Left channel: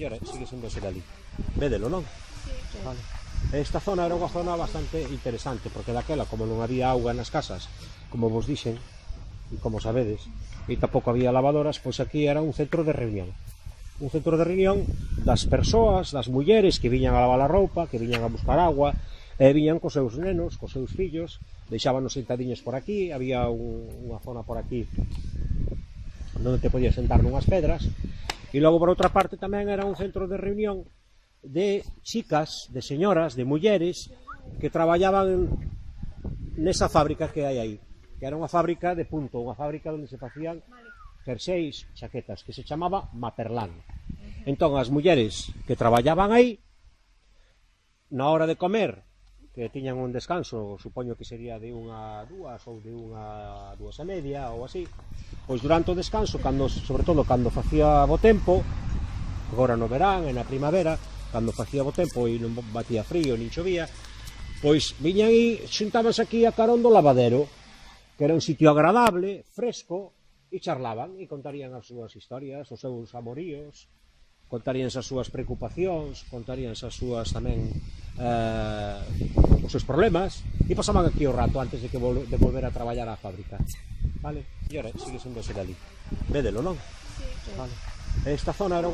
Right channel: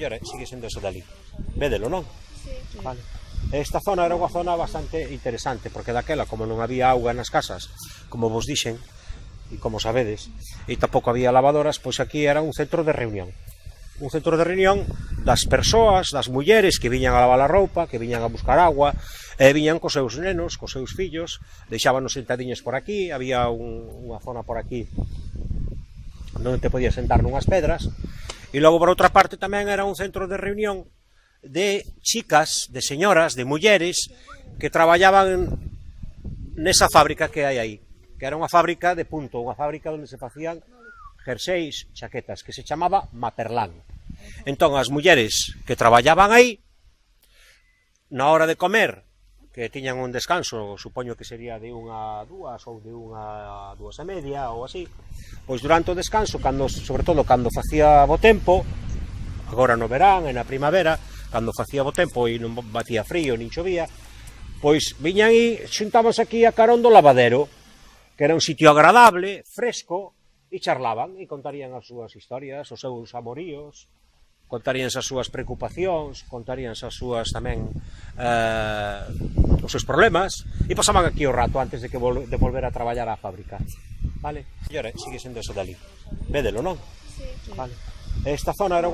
Sigue sendo ese dali. Védelo, non? Sí. Vale. Esta zona era unha zona bastante interesante, porque daquela, como non había auga nas casas, como vos dixen, e como sabedes, e tampouco había lavadoras, pois aquí era un centro de reunión. Un centro de reunión das persoas, das mulleres que viñan a lavar a roupa, que viñan a buscar agua, e viñan cos seus nenos, cos seus fillos, deixábanos sentadiñas por aquí, había unha zona por aquí onde te podías sentar nunhas pedras, e logo por outra parte tamén era un centro de reunión de chicas, de señoras, de mulleres que traballaban nesa fábrica que hai aí, que era unha fábrica de punto, unha fábrica onde se facían jerseis, chaquetas, que se chamaba Maperlán. Entón, as mulleres que traballaban aí, na hora de comer, que tiñan un descanso, supoño que sería de unha a dúas ou de unha a dúas e media ou así, pois durante o descanso, sobre todo cando facía bo tempo, agora no verán e na primavera, cando facía bo tempo e non batía frío nin chovía, pois viñan e xuntábanse aquí a carón do lavadero, que era un sitio agradable, fresco, e charlaban e contarían as súas historias, os seus amoríos, contaríanse as súas preocupacións, contaríanse as súas tamén os seus problemas, e pasaban aquí o rato antes de volver a traballar á fábrica. Vale? Sigue sendo ese dali. Védelo, non? Sí. Vale. Esta zona era